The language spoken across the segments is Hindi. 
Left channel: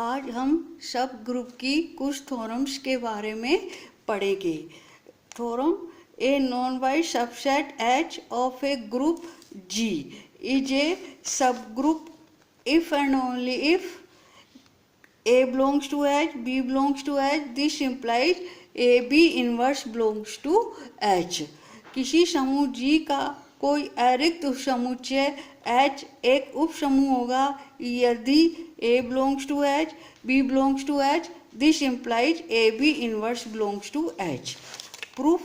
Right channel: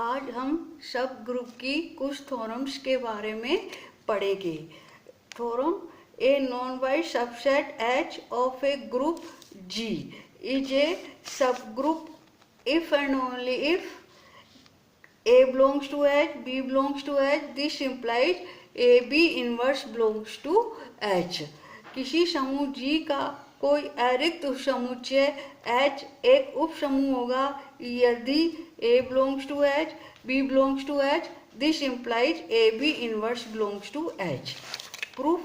आज हम सब ग्रुप की कुछ थ्योरम्स के बारे में पढ़ेंगे। Theorem: a non void subset H of a group G is a subgroup if and only if A belongs to H, B belongs to H. This implies AB inverse belongs to H. किसी समूह G का कोई अरिक्त उपसमुच्चय H एक उपसमूह होगा यदि A belongs to H, B belongs to H. This implies AB inverse belongs to H. Proof:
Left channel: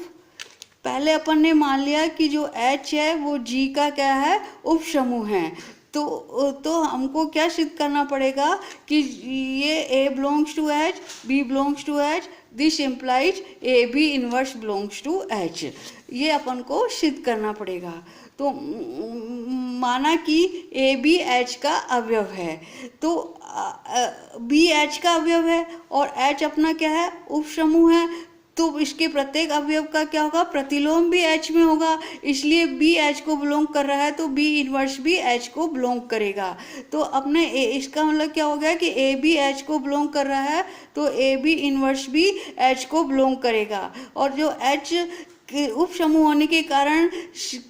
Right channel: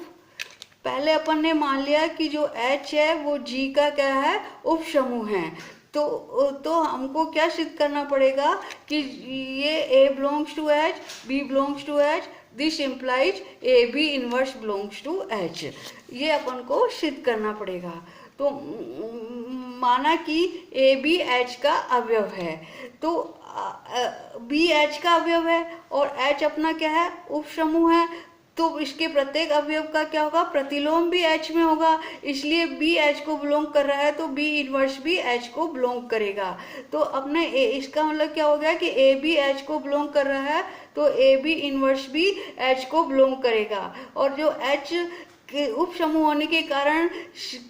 पहले अपन ने मान लिया कि जो H है वो G का क्या है, उपसमूह है। तो हमको क्या सिद्ध करना पड़ेगा कि ये A belongs to H, B belongs to H. This implies AB inverse belongs to H. ये अपन को सिद्ध करना पड़ेगा। तो माना कि AB H का अवयव है, तो B H का अवयव है और H अपना क्या है, उपसमूह है। तो इसके प्रत्येक अवयव का क्या होगा, प्रतिलोम भी H में होगा, इसलिए B H को बिलोंग कर रहा है तो B इनवर्स भी H को बिलोंग करेगा। तो अपने इसका मतलब क्या हो गया कि AB H को बिलोंग कर रहा है तो AB इनवर्स भी H को बिलोंग करेगा। और जो H उप समूह होने के कारण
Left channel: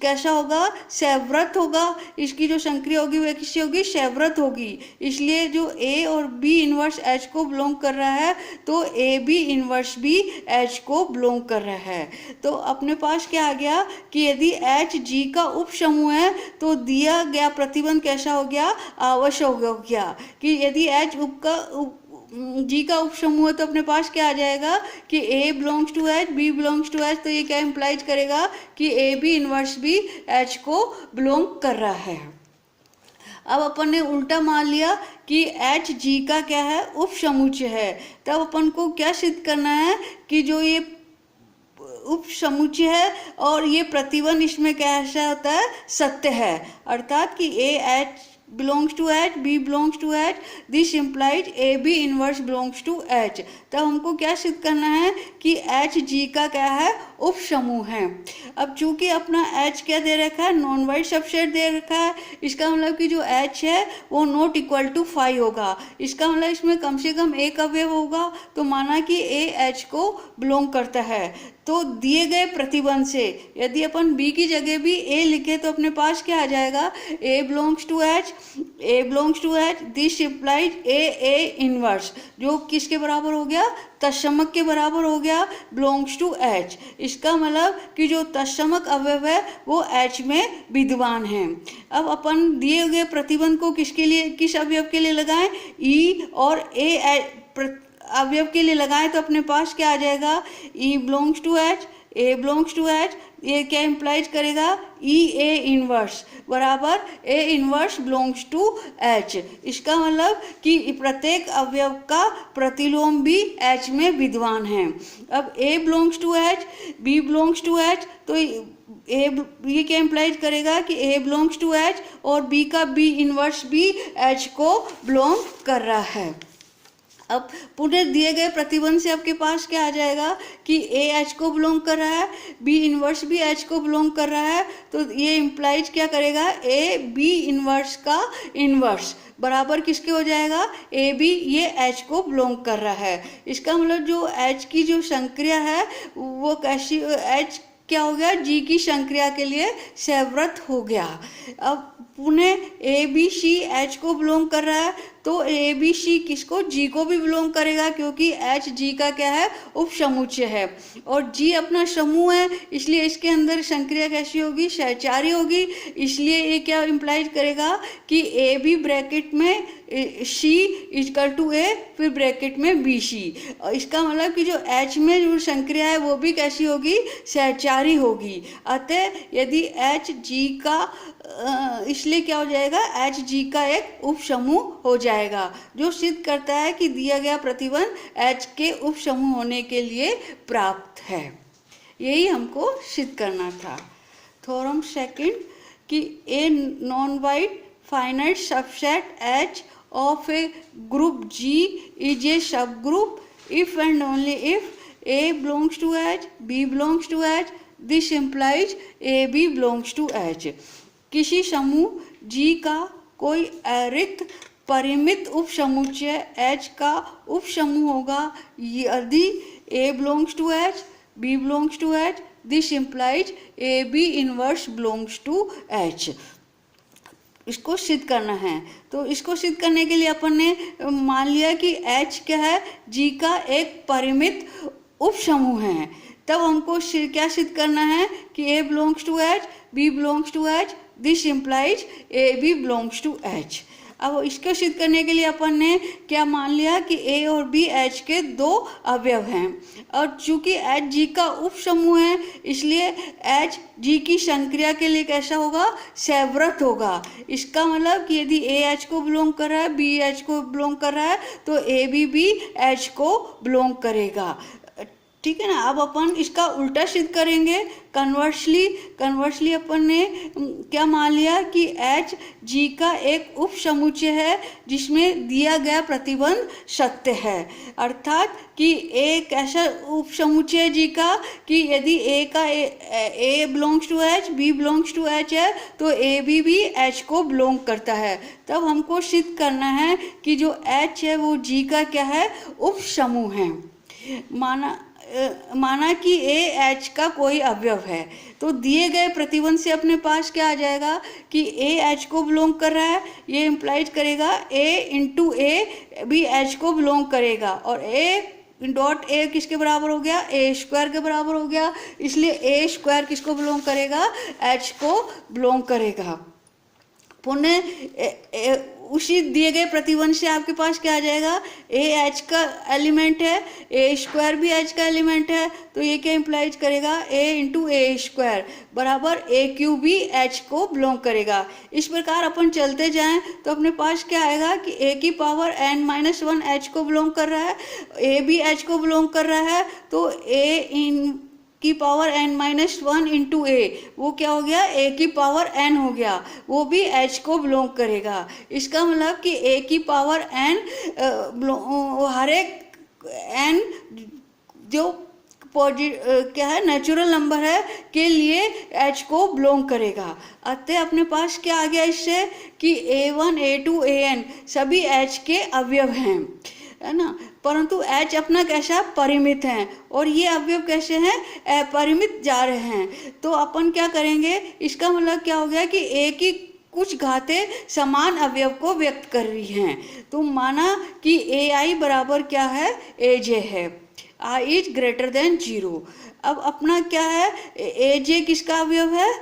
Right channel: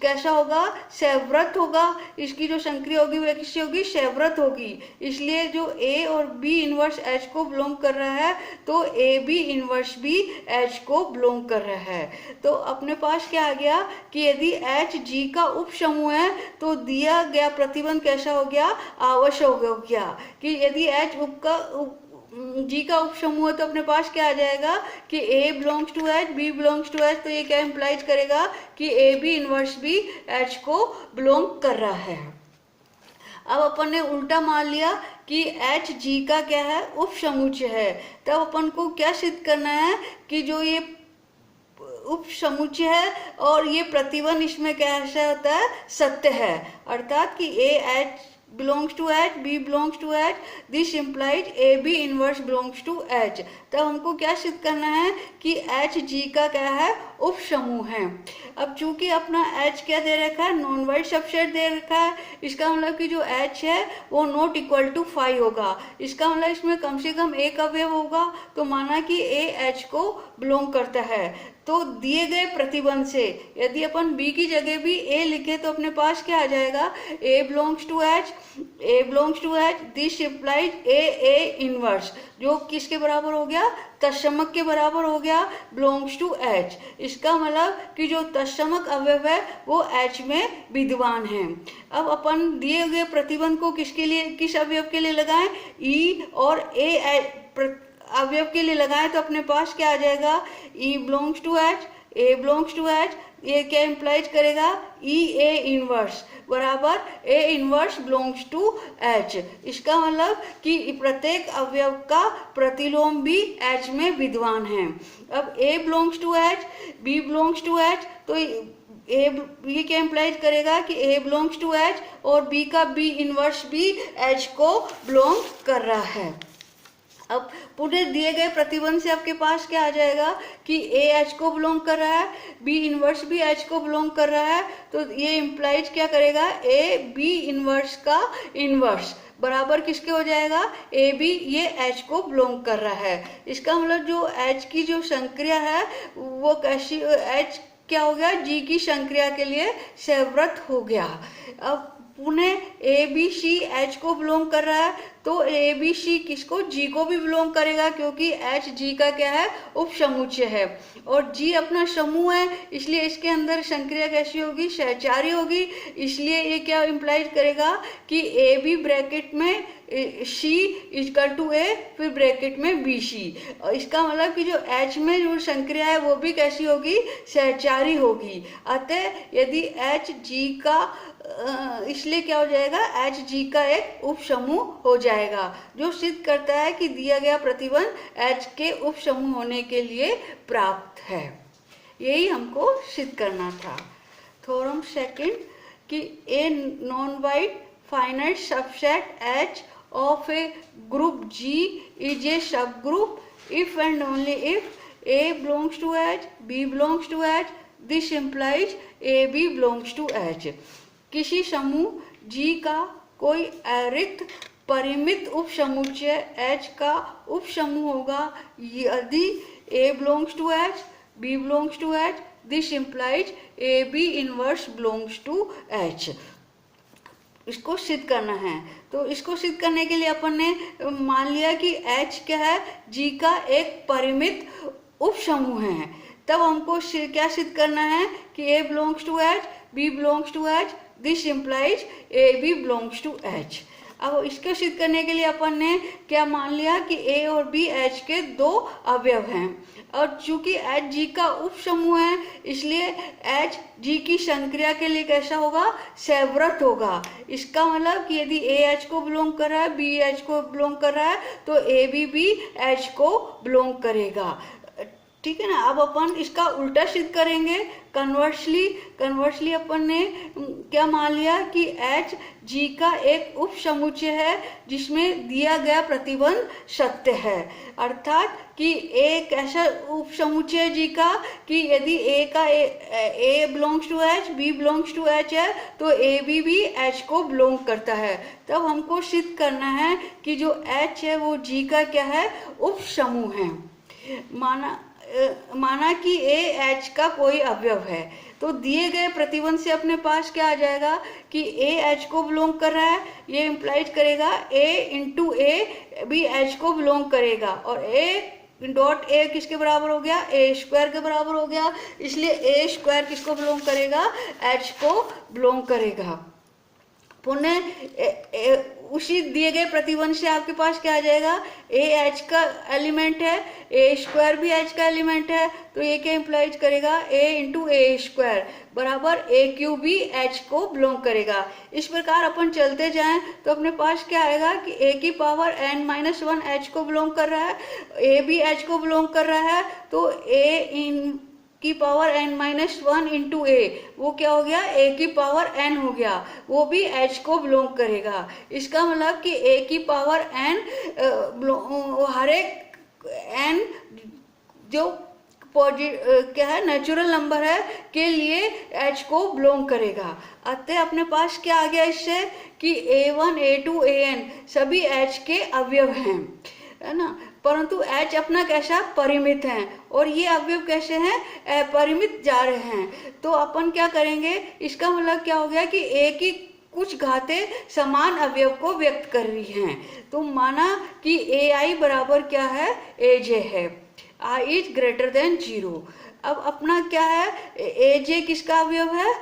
कैसा होगा, सैवृत होगा। इसकी जो संक्रिया होगी वह किसी होगी, सैवृत होगी। इसलिए जो A और B इनवर्स H को बिलोंग कर रहा है तो AB इनवर्स भी H को बिलोंग कर रहा है। तो अपने पास क्या आ गया कि यदि H G का उप समूह है तो दिया गया प्रतिबंध कैसा हो गया, आवश्यक हो गया। कि यदि H G का उप समूह है तो अपने पास क्या आ जाएगा कि A belongs to H, B belongs to H। तो ये क्या इम्प्लाइज करेगा कि AB इनवर्स भी H को बिलोंग कर रहा है। अब अपन ने उल्टा मान लिया कि H G का क्या है, उप समुच्चय है। तब अपन को क्या सिद्ध करना है कि जो ये उप समुच्चय है और ये प्रतिबंध इसमें कैसा होता है, सत्य है। अर्थात कि H belongs to H, B belongs to H. This implies AB inverse belongs to H. तब हमको क्या सिद्ध करना है कि H G का क्या है, उप समूह है। अब चूंकि अपना H क्या दे रखा है, नॉन वाइड सबसेट दे रखा है, इसका मतलब कि जो H है वो नॉट इक्वल टू 5 होगा। इसका मतलब इसमें कम से कम एक अवयव होगा। तो माना कि A H को बिलोंग करता है, तो दिए गए प्रतिबंध से यदि अपन B की जगह भी A लिखे तो अपने पास क्या आ जाएगा, A belongs to H, A belongs to H. This implies A inverse, जो किसके बराबर हो गया, तत्समक के बराबर हो गया, बिलोंग्स टू H। इसका मतलब कि जो तत्समक अवयव है वो H में विद्यमान है। अब अपन दिए गए प्रतिबंध को किसके लिए, किस अवयव के लिए लगाएं, E और A अवयव के लिए लगाएं तो अपने पास क्या आ जाएगा, E belongs to H, A belongs to H। ये क्या इम्प्लाइज करेगा, E A इनवर्स बराबर A inverse belongs to H। इसका मतलब कि प्रत्येक अवयव का प्रतिलोम भी H में विद्यमान है। अब A belongs to H, B belongs to H, तो ये क्या इम्प्लाइज करेगा कि A बिलोंग्स टू H और B का B इनवर्स भी H को बिलोंग कर रहा है। अब पूरे दिए गए प्रतिबंध से आपके पास क्या आ जाएगा कि A H को बिलोंग कर रहा है, B इनवर्स भी H को बिलोंग कर रहा है। तो ये इम्प्लाइज क्या करेगा, A B इनवर्स का इनवर्स बराबर किसके हो जाएगा, A B ये H को बिलोंग कर रहा है। इसका मतलब जो H की जो संक्रिया है वो कैसी, H क्या हो गया, G की संक्रिया के लिए सैवृत हो गया। अब पुनः ABC H को बिलोंग कर रहा है तो ABC किसको, G को भी बिलोंग करेगा क्योंकि H G का क्या है, उप समुच्चय है। और G अपना समूह है इसलिए इसके अंदर संक्रिया कैसी होगी, सहचारी होगी। इसलिए ये क्या इम्प्लाइज करेगा कि AB ब्रैकेट में C इक्वल टू A, फिर ब्रैकेट में BC। इसका मतलब कि जो H में जो संक्रिया है वो भी कैसी होगी, सहचारी होगी। अतः यदि H G का इसलिए क्या हो जाएगा, H G का एक उप समूह हो जाएगा, जो सिद्ध करता है कि दिया गया प्रतिबंध H के उप समूह होने के लिए प्राप्त है। यही हमको सिद्ध करना था। थ्योरम सेकंड कि a non void finite subset H of a group G is a subgroup if and only if A belongs to H, B belongs to H. This implies AB belongs to H. किसी समूह G का कोई अरिक्त परिमित उपसमुच्चय H का उपसमूह होगा यदि A belongs to H, B belongs to H, this implies AB inverse belongs to H। इसको सिद्ध करना है। तो इसको सिद्ध करने के लिए अपन ने मान लिया कि H क्या है, G का एक परिमित उपसमूह है। तब हमको क्या सिद्ध करना है कि A belongs to H, B belongs to H, this implies AB belongs to H। अब इसको सिद्ध करने के लिए अपन ने क्या मान लिया कि A और B H के दो अवयव हैं, और चूंकि H G का उपसमूह है इसलिए H G की संक्रिया के लिए कैसा होगा, सैवृत होगा। इसका मतलब कि यदि A H को बिलोंग कर रहा है, B H को बिलोंग कर रहा है, तो A भी H को बिलोंग करेगा। ठीक है ना। अब अपन इसका उल्टा सिद्ध करेंगे, कन्वर्सली अपन ने क्या मान लिया कि H G का एक उपसमुच्चय है जिसमें दिया गया प्रतिबंध सत्य है। अर्थात कि एक ऐसा उपसमुच्चय है G का कि यदि A belongs to H, B belongs to H है तो A भी H को बिलोंग करता है। तब हमको सिद्ध करना है कि जो H है वो G का क्या है, उपसमूह है। माना कि A H का कोई अवयव है, तो दिए गए प्रतिबंध से अपने पास क्या आ जाएगा कि A H को बिलोंग कर रहा है, ये इम्प्लाइज करेगा A इंटू A भी H को बिलोंग करेगा, और A डॉट A किसके बराबर हो गया, A स्क्वायर के बराबर हो गया। इसलिए A स्क्वायर किसको बिलोंग करेगा, H को बिलोंग करेगा। पुनः उसी दिए गए प्रतिबंध से आपके पास क्या आ जाएगा, A H का एलिमेंट है, A स्क्वायर भी H का एलिमेंट है, तो ये क्या इम्प्लाइज करेगा, A इंटू A स्क्वायर बराबर A क्यूब भी H को बिलोंग करेगा। इस प्रकार अपन चलते जाएं तो अपने पास क्या आएगा कि A की पावर n-1 H को बिलोंग कर रहा है, A भी H को बिलोंग कर रहा है, तो A की पावर n-1 इंटू A वो क्या हो गया, A की पावर n हो गया, वो भी H को बिलोंग करेगा। इसका मतलब कि A की पावर n हर एक n जो क्या है नेचुरल नंबर है के लिए H को बिलोंग करेगा। अतः अपने पास क्या आ गया इससे कि A1 A2 AN सभी H के अवयव हैं, है ना। परंतु H अपना कैसा परिमित है और ये अवयव कैसे हैं, अपरिमित जा रहे हैं। तो अपन क्या करेंगे, इसका मतलब क्या हो गया कि A की कुछ घातें समान अवयव को व्यक्त कर रही हैं। तो माना कि AI बराबर क्या है, AJ है, I इज ग्रेटर देन 0। अब अपना क्या है, AJ किसका अवयव है,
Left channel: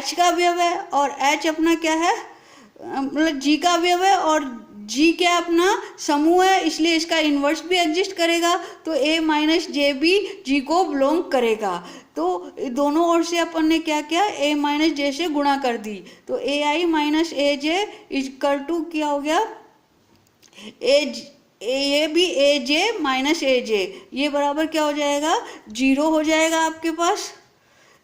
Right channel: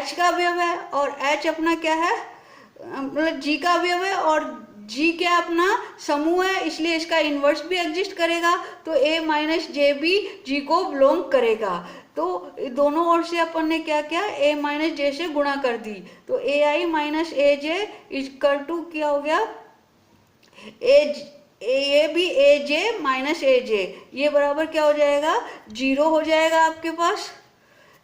H का अवयव है, और H अपना क्या है, मतलब G का अवयव है, और G क्या अपना समूह है, इसलिए इसका इन्वर्स भी एग्जिस्ट करेगा। तो A माइनस जे भी G को बिलोंग करेगा। तो दोनों ओर से अपन ने क्या किया, A माइनस जे से गुणा कर दी, तो AI minus AJ equal to क्या हो गया, ये भी AJ माइनस AJ, ये बराबर क्या हो जाएगा, 0 हो जाएगा आपके पास,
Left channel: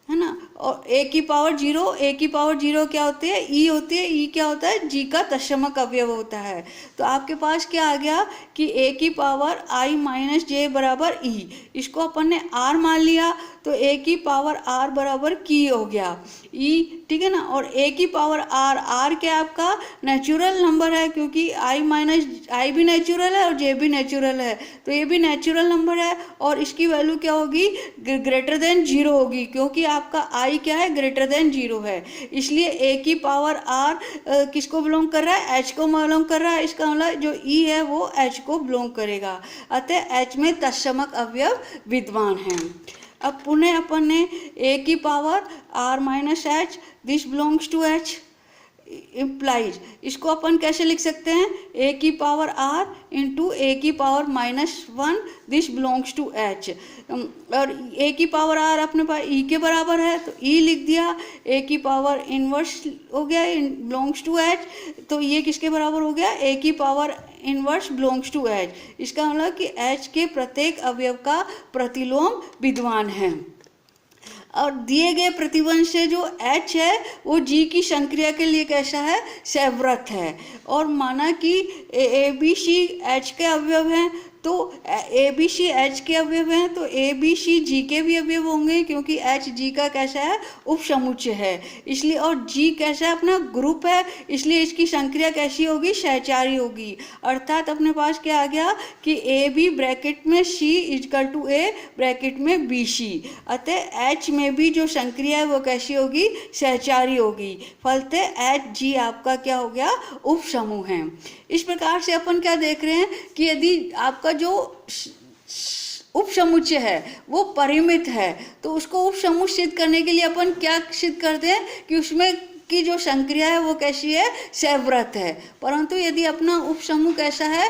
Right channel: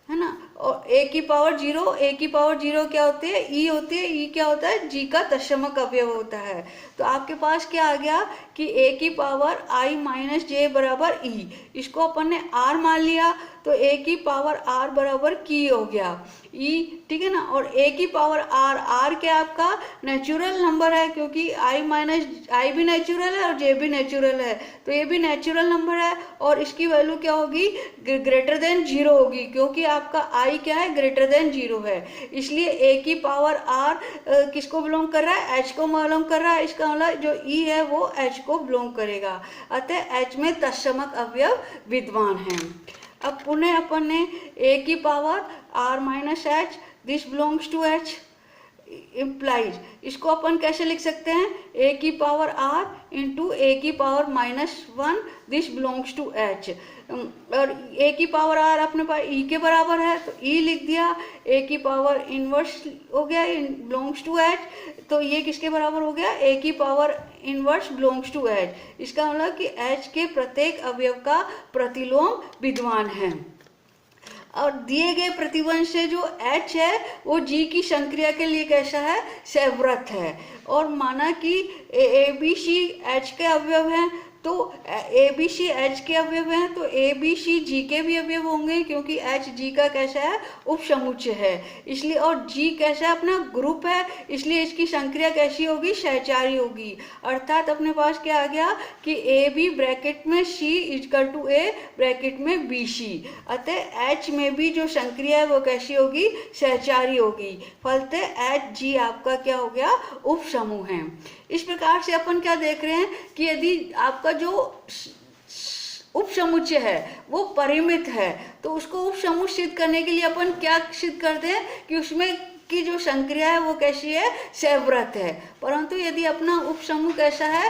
है ना। और A की पावर 0 क्या होती है, E होती है, E क्या होता है, G का तत्समक अवयव होता है। तो आपके पास क्या आ गया कि A की पावर I माइनस जे बराबर E, इसको अपन ने R मान लिया, तो A की पावर R बराबर की हो गया E, ठीक है ना। और A की पावर R क्या आपका नेचुरल नंबर है, क्योंकि I भी नेचुरल है और J भी नेचुरल है, तो ये भी नेचुरल नंबर है, और इसकी वैल्यू क्या होगी, ग्रेटर देन 0 होगी, क्योंकि आपका I क्या है, ग्रेटर देन 0 है। इसलिए A की पावर R किसको बिलोंग कर रहा है, H को बिलोंग कर रहा है। इसका मतलब जो E है वो H को बिलोंग करेगा। अतः H में तत्समक अवयव विद्यमान है। अब पुनः अपन ने A की power R minus H this belongs to H implies, इसको अपन कैसे लिख सकते हैं, A की पावर R इंटू A की power -1 this belongs to H, और A की पावर R अपने पास E के बराबर है, तो E लिख दिया। A की पावर इनवर्स हो गया, बिलोंग्स टू H, तो ये किसके बराबर हो गया, A की power inverse belongs to H। इसका मतलब कि H के प्रत्येक अवयव का प्रतिलोम विद्यमान है। और दिए गए प्रतिबंध से जो H है वो G की संक्रिया के लिए कैसा है, सैवृत है। और माना कि ABC H के अवयव हैं, तो तो ए बी सी एच के अवयव हैं, तो ए बी सी जी के भी अवयव होंगे, क्योंकि एच जी का कैसा है, उपसमुच्चय है इसलिए, और जी कैसा है, अपना ग्रुप है, इसलिए इसकी संक्रिया कैसी होगी, सहचारी होगी। अर्थात अपने पास क्या आ गया कि ए बी ब्रैकेट में सी इजकल टू ए ब्रैकेट में बी सी, अतः एच में भी जो संक्रिया है वो कैसी होगी, सहचारी होगी। फलतः एच जी आपका क्या हो गया, उपसमूह है। इस प्रकार से अपन क्या देख रहे हैं कि यदि आपका जो उपसमुच्चय है वो परिमित है, तो उसको उपसमूह सिद्ध करने के लिए अपन क्या सिद्ध करते हैं कि उसमें की जो संक्रिया है वो कैसी है, सैवृत है। परंतु यदि अपना उपसमूह कैसा है,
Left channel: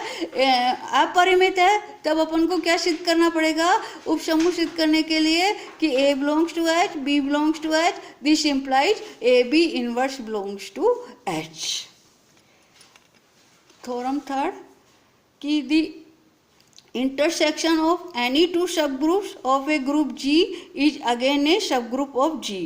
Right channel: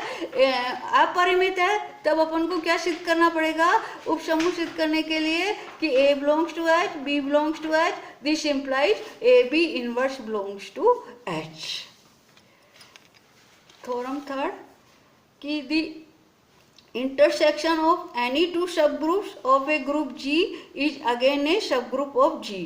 अपरिमित है, तब अपन को क्या सिद्ध करना पड़ेगा, उपसमूह सिद्ध करने के लिए कि A belongs to H, B belongs to H, this implies AB inverse belongs to H। Theorem third कि the intersection of any two subgroups of a group G is again a subgroup of G।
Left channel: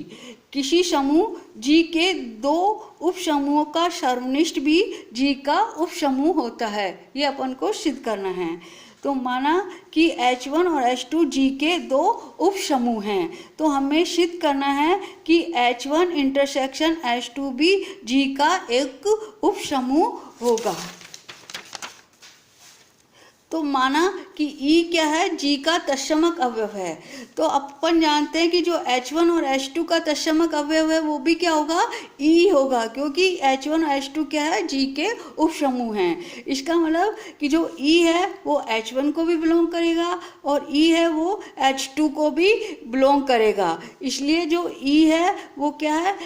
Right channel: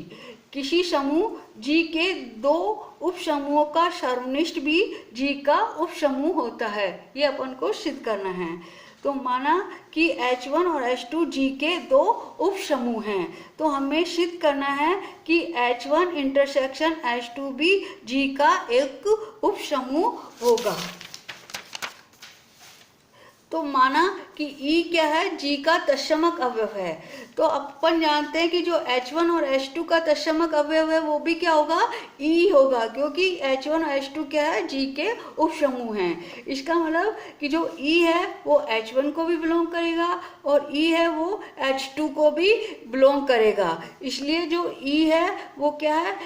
किसी समूह G के दो उपसमूहों का सर्वनिष्ठ भी G का उपसमूह होता है, ये अपन को सिद्ध करना है। तो माना कि H1 और H2 G के दो उपसमूह हैं, तो हमें सिद्ध करना है कि H1 इंटरसेक्शन H2 भी G का एक उपसमूह होगा। तो माना कि E क्या है, G का तत्समक अवयव है, तो अपन जानते हैं कि जो H1 और H2 का तत्समक अवयव है वो भी क्या होगा, E होगा, क्योंकि H1 और H2 क्या है, G के उपसमूह हैं। इसका मतलब कि जो E है वो H1 को भी बिलोंग करेगा और E है वो H2 को भी बिलोंग करेगा, इसलिए जो E है वो क्या है,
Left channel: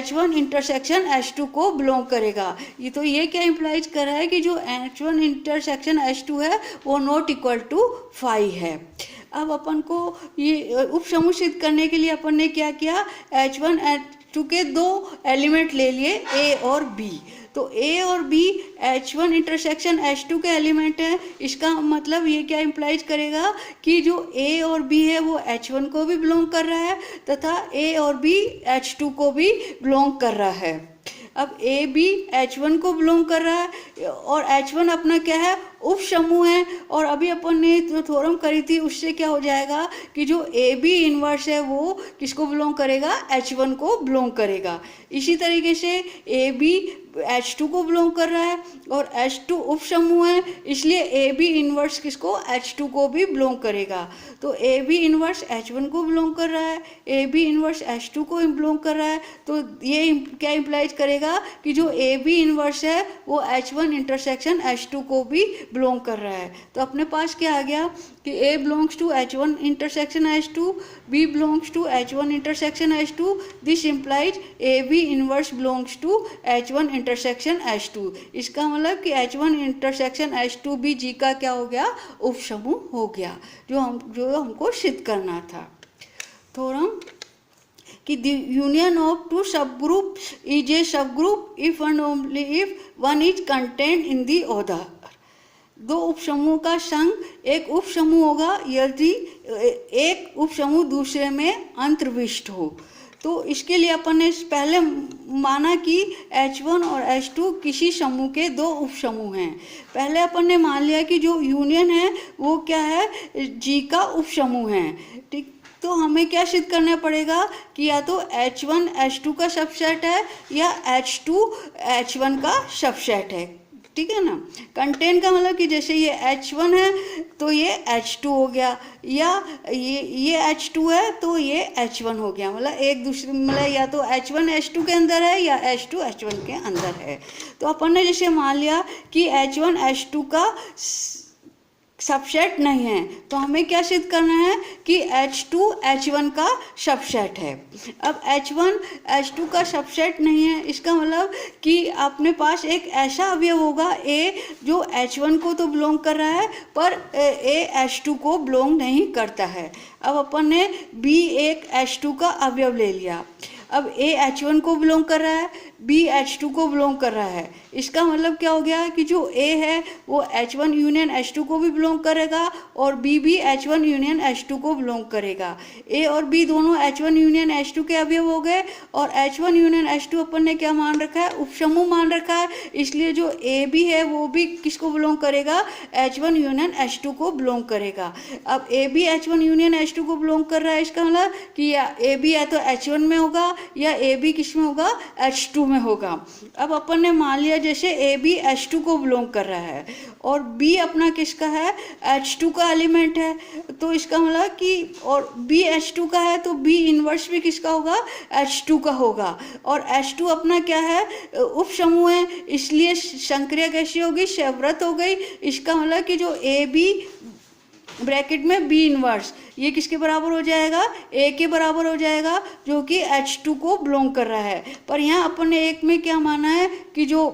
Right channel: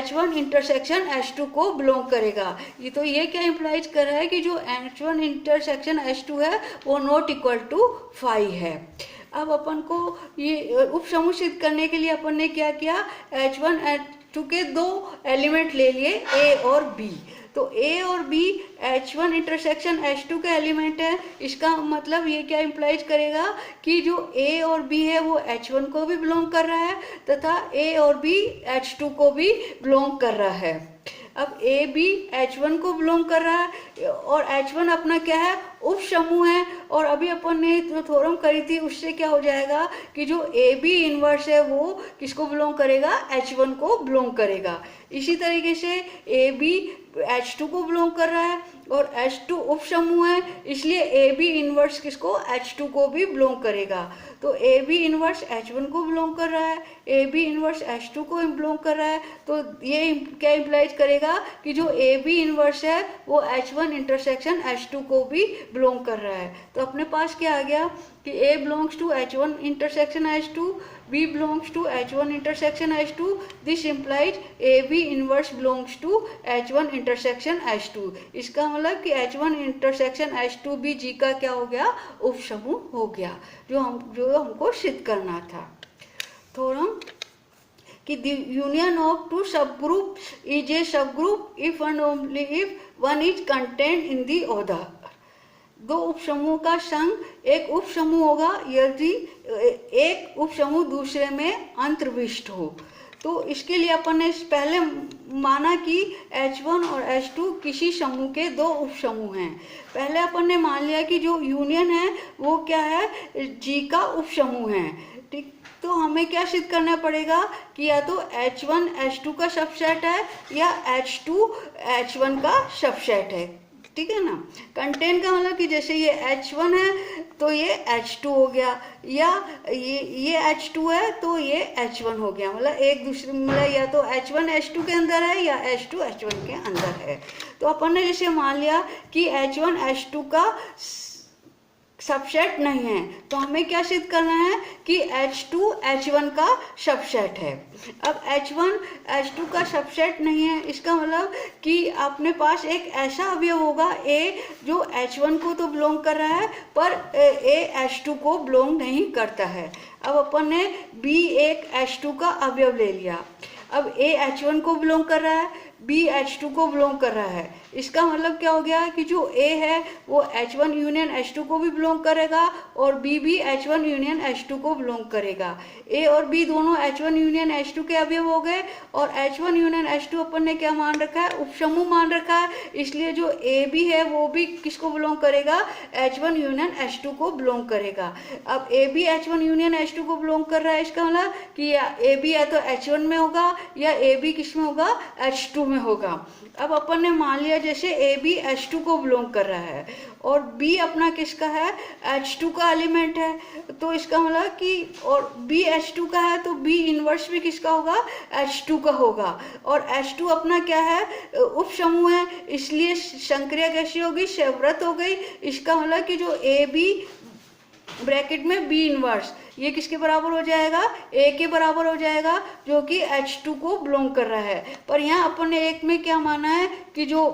H1 इंटरसेक्शन H2 को बिलोंग करेगा। ये तो ये क्या इम्प्लाइज कर रहा है कि जो H1 इंटरसेक्शन H2 है वो नॉट इक्वल टू 5 है। अब अपन को ये उपसमूह सिद्ध करने के लिए अपन ने क्या किया, H1 H2 के दो एलिमेंट ले लिए A और B, तो A और B H1 इंटरसेक्शन H2 के एलिमेंट है। इसका मतलब ये क्या इम्प्लाइज करेगा कि जो A और B है वो H1 को भी बिलोंग कर रहा है तथा A और B H2 को भी बिलोंग कर रहा है। अब A B H1 को बिलोंग कर रहा है और H1 अपना क्या है, उपसमूह है, और अभी अपन ने जो थ्योरम करी थी उससे क्या हो जाएगा कि जो AB इनवर्स है वो किसको बिलोंग करेगा, H1 को बिलोंग करेगा। इसी तरीके से AB H2 को बिलोंग कर रहा है और H2 उपसमूह है, इसलिए AB इनवर्स किसको, H2 को भी बिलोंग करेगा। तो AB इनवर्स H1 को बिलोंग कर रहा है, AB इनवर्स H2 को बिलोंग कर रहा है, तो ये क्या इम्प्लाइज करेगा कि जो AB इनवर्स है वो H1 इंटरसेक्शन H2 को भी बिलोंग कर रहा है। तो अपने पास क्या आ गया कि A belongs to H1 intersection H2, B belongs to H1 intersection H2, this implies AB inverse belongs to H1 intersection H2। इसका मतलब कि H1 इंटरसेक्शन H2 भी G का क्या हो गया, उपसमूह हो गया, जो हमको सिद्ध करना था। थ्योरम कि the union of two subgroups is a subgroup if and only if one is contained in the other। दो उपसमूह का संघ एक उपसमूह होगा यदि एक उपसमूह दूसरे में अंतर्विष्ट हो। तो इसके लिए अपन ने पहले माना कि H1 और H2 किसी समूह के दो उपसमूह हैं। पहले अपन ने मान लिया कि जो यूनियन है वो क्या है, G का उपसमूह है, ठीक। तो हमें क्या सिद्ध करना पड़ेगा कि या तो H1 H2 का सबसेट है या H2 H1 का सबसेट है, ठीक है ना। कंटेन का मतलब कि जैसे ये H1 है तो ये H2 हो गया, या ये H2 है तो ये H1 हो गया, मतलब एक दूसरे, मतलब या तो H1 H2 के अंदर है या H2 H1 के अंदर है। तो अपन ने जैसे मान लिया कि H1 H2 का सबसेट नहीं है, तो हमें क्या सिद्ध करना है कि H2 H1 का सबसेट है। अब H1 H2 का सबसेट नहीं है, इसका मतलब कि अपने पास एक ऐसा अवयव होगा A जो H1 को तो बिलोंग कर रहा है पर A H2 को बिलोंग नहीं करता है। अब अपन ने B एक H2 का अवयव ले लिया, अब A H1 को बिलोंग कर रहा है, BH2 को बिलोंग कर रहा है। इसका मतलब क्या हो गया कि जो A है वो H1 यूनियन H2 को भी बिलोंग करेगा और B भी H1 यूनियन H2 को बिलोंग करेगा। A और B दोनों H1 यूनियन H2 के अवयव हो गए और H1 यूनियन H2 अपन ने क्या मान रखा है, उपसमूह मान रखा है, इसलिए जो AB है वो भी किसको बिलोंग करेगा, H1 यूनियन H2 को बिलोंग करेगा। अब AB H1 यूनियन H2 को बिलोंग कर रहा है, इसका मतलब कि AB या तो H1 में होगा या AB किस में होगा, H2 में होगा। अब अपन ने मान लिया जैसे AB H2 को बिलोंग कर रहा है और B अपना किसका है, H2 का एलिमेंट है, तो इसका मतलब कि और B H2 का है तो B इनवर्स भी किसका होगा, H2 का होगा। और H2 अपना क्या है, उपसमूह है, इसलिए संक्रिया कैसी होगी, सेवव्रत हो गई। इसका मतलब कि जो AB ब्रैकेट में B इनवर्स ये किसके बराबर हो जाएगा, A के बराबर हो जाएगा, जो कि H2 को बिलोंग कर रहा है। पर यहाँ अपन ने एक में क्या माना है कि जो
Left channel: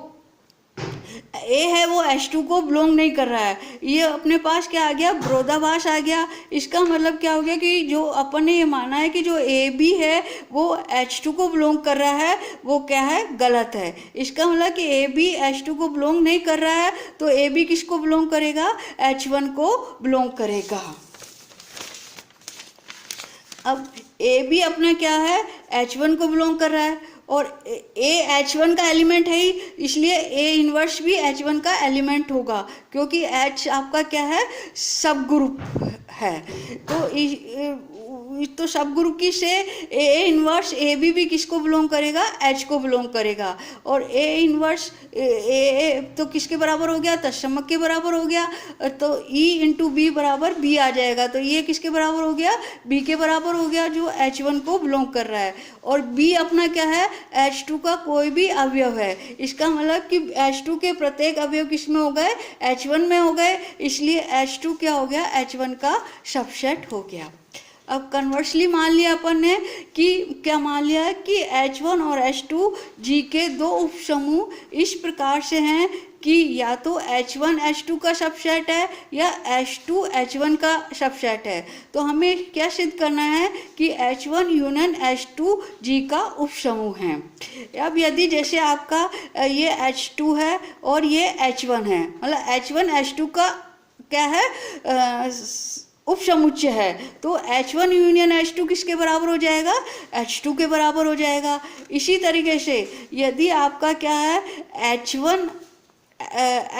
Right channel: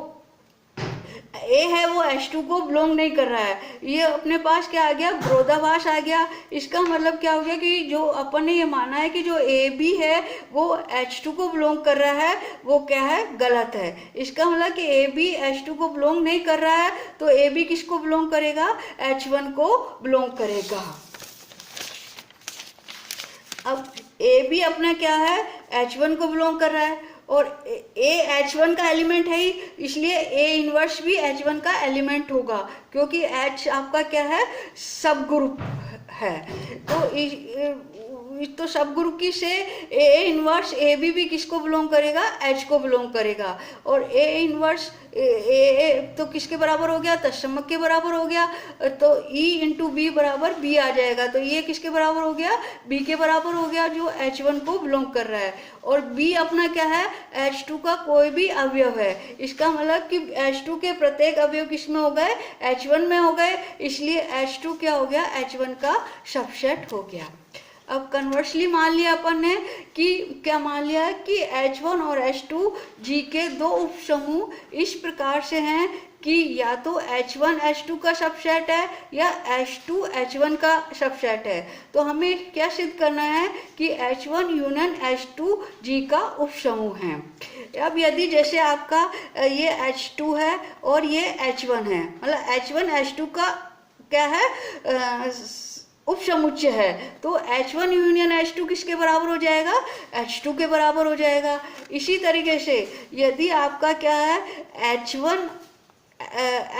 A है वो H2 को बिलोंग नहीं कर रहा है, ये अपने पास क्या आ गया, विरोधाभास आ गया। इसका मतलब क्या हो गया कि जो अपन ने ये माना है कि जो AB है वो H2 को बिलोंग कर रहा है, वो क्या है, गलत है। इसका मतलब कि AB H2 को बिलोंग नहीं कर रहा है तो AB किसको बिलोंग करेगा, H1 को बिलोंग करेगा। अब AB अपना क्या है, H1 को बिलोंग कर रहा है और A H1 का एलिमेंट है ही, इसलिए A इनवर्स भी H1 का एलिमेंट होगा, क्योंकि H आपका क्या है, सब ग्रुप है। तो सब ग्रुप की से A इनवर्स AB भी किसको बिलोंग करेगा, H को बिलोंग करेगा। और A इनवर्स A तो किसके बराबर हो गया, तत्समक के बराबर हो गया, तो E इंटू B बराबर B आ जाएगा, तो ये किसके बराबर हो गया, B के बराबर हो गया जो H1 को बिलोंग कर रहा है। और B अपना क्या है, H2 का कोई भी अवयव है। इसका मतलब कि H2 के प्रत्येक अवयव किस में हो गए, H1 में हो गए, इसलिए H2 क्या हो गया, H1 का सबसेट हो गया। अब कन्वर्सली मान लिया अपन ने कि क्या मान लिया है कि H1 और H2 G के दो उपसमूह इस प्रकार से हैं कि या तो H1 H2 का सबसेट है या H2 H1 का सबसेट है। तो हमें क्या सिद्ध करना है कि H1 यूनियन H2 G का उपसमूह है। अब यदि जैसे आपका ये H2 है और ये H1 है, मतलब H1 H2 का क्या है, उपसमुच्चय है, तो H1 यूनियन H2 किसके बराबर हो जाएगा, H2 के बराबर हो जाएगा। इसी तरीके से यदि आपका क्या है,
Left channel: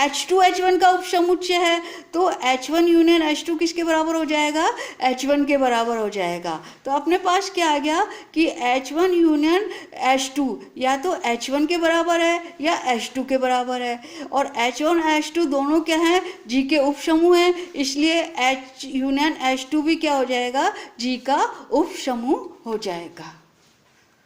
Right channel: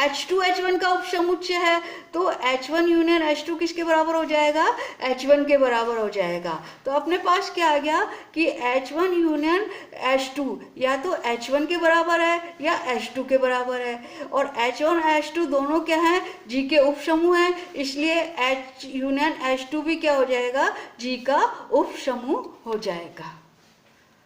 H2 H1 का उपसमुच्चय है तो H1 यूनियन H2 किसके बराबर हो जाएगा, H1 के बराबर हो जाएगा। तो अपने पास क्या आ गया कि H1 यूनियन H2 या तो H1 के बराबर है या H2 के बराबर है, और H1 H2 दोनों क्या हैं, G के उपसमूह हैं, इसलिए H यूनियन H2 भी क्या हो जाएगा, G का उपसमूह हो जाएगा।